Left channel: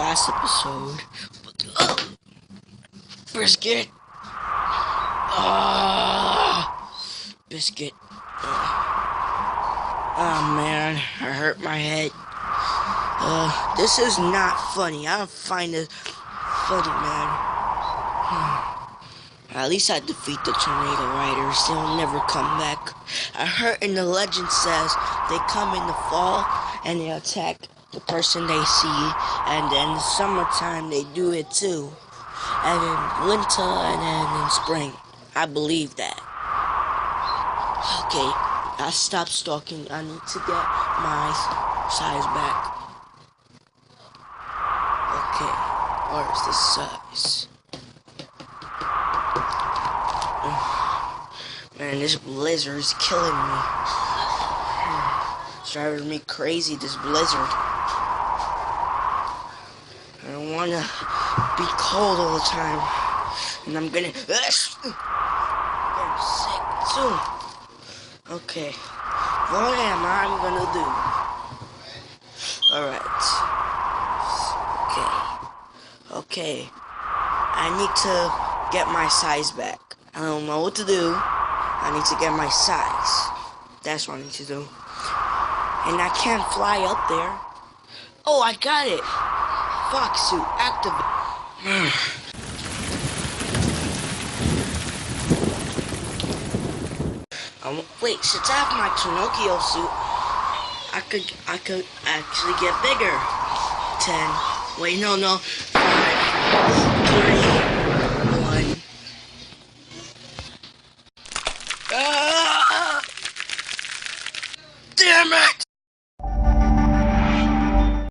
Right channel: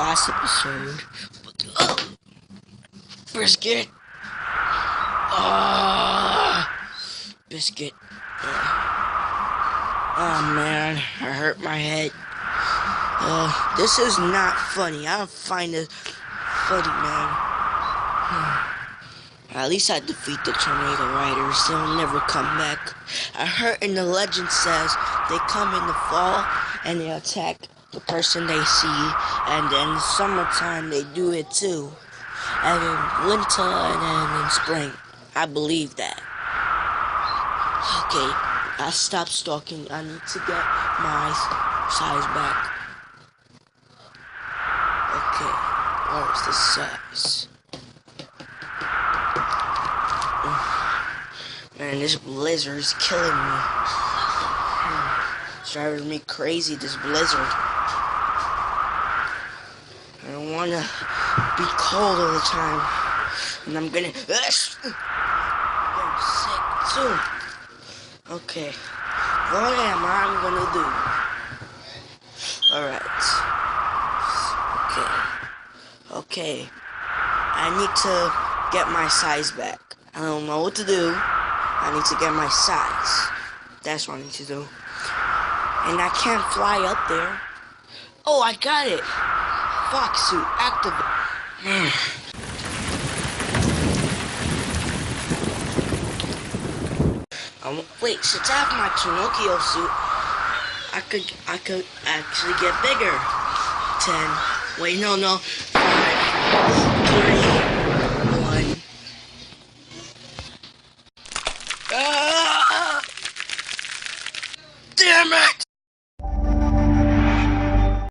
last episode. Brisket. Biscuit. Oh man, I hurt my head. This is not funny. I don't find it funny, man. At least I defeat the Tornado Riders. They'll never come back. I heard in the legend says they come in the fall and they attack the person they see. And then in the summertime they do it too. And in winter and then in spring. I believe that. Okay, I stopped stalking. I need to get my size back. Okay, where's the size? Man, this blizzard is killing me. It's driving me crazy, this blizzard. I don't want to be cold all the time. And I'm getting sick soon. Okay, what am I gonna do? Alright. Okay. I need to get my size back. I don't know what to do. I need to get my size. That's what I need to do. And I can't fly up there. Oh, I got it. Fox suit activate. Wait, since I have my Pinocchio suit, I could actually get bigger. 10. Wait, no. 5, 3, 1. Ah! Damn it!